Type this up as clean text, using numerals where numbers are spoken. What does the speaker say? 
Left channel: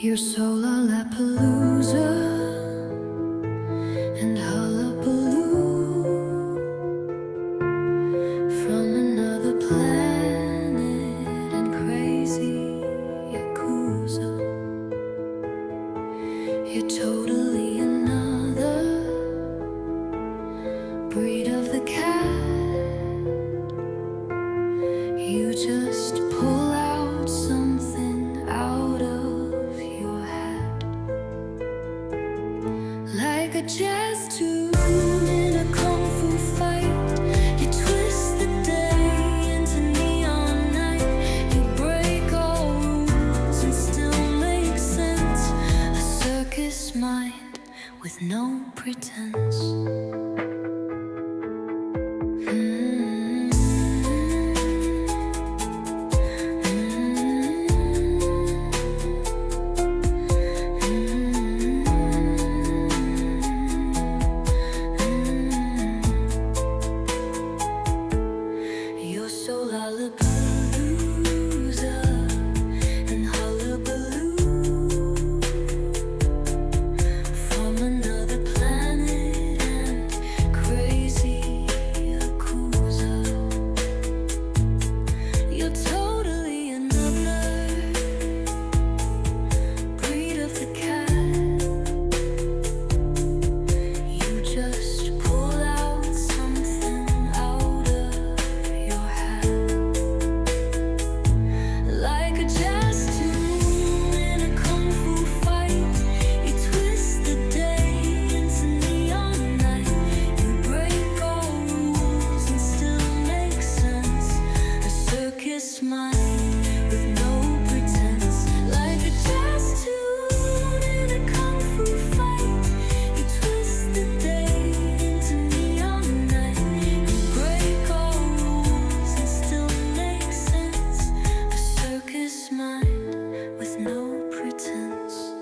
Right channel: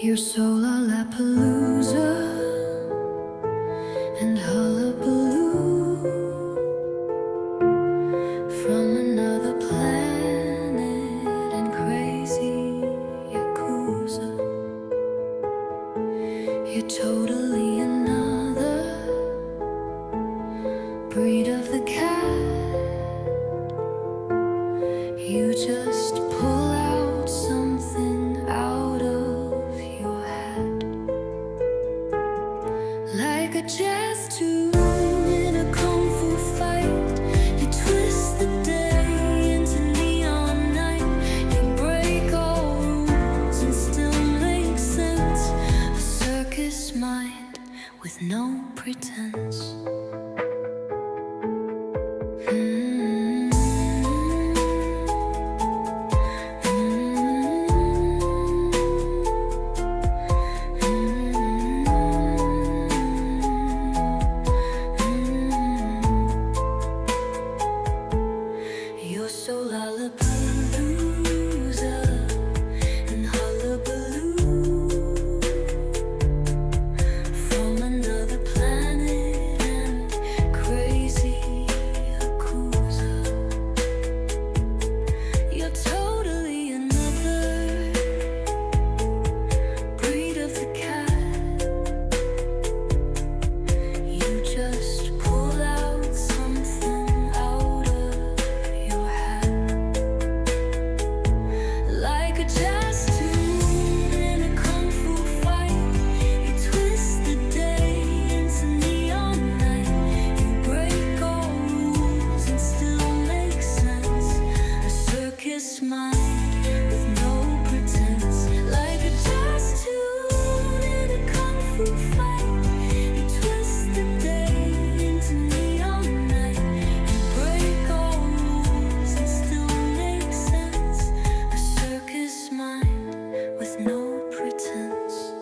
You're so Lollapalooza and hullabaloo from another planet and crazy Yakuza. You're totally another breed of the cat. You just pull out something out of your hat, like a jazz tune in a kung fu fight. You twist the day into neon night. You break all rules and still make sense. A circus mind with no pretense. You're so Lollapalooza and hullabaloo from another planet and crazy Yakuza. You're totally another breed of the cat. You just pull out something out of your hat, like a jazz tune in a kung fu fight. You twist the day into neon night. You break all rules and still make sense. A circus mind with no pretense, like a jazz tune in a kung fu fight. You twist the day into neon night. You break all rules and still make sense. A circus mind with no pretense.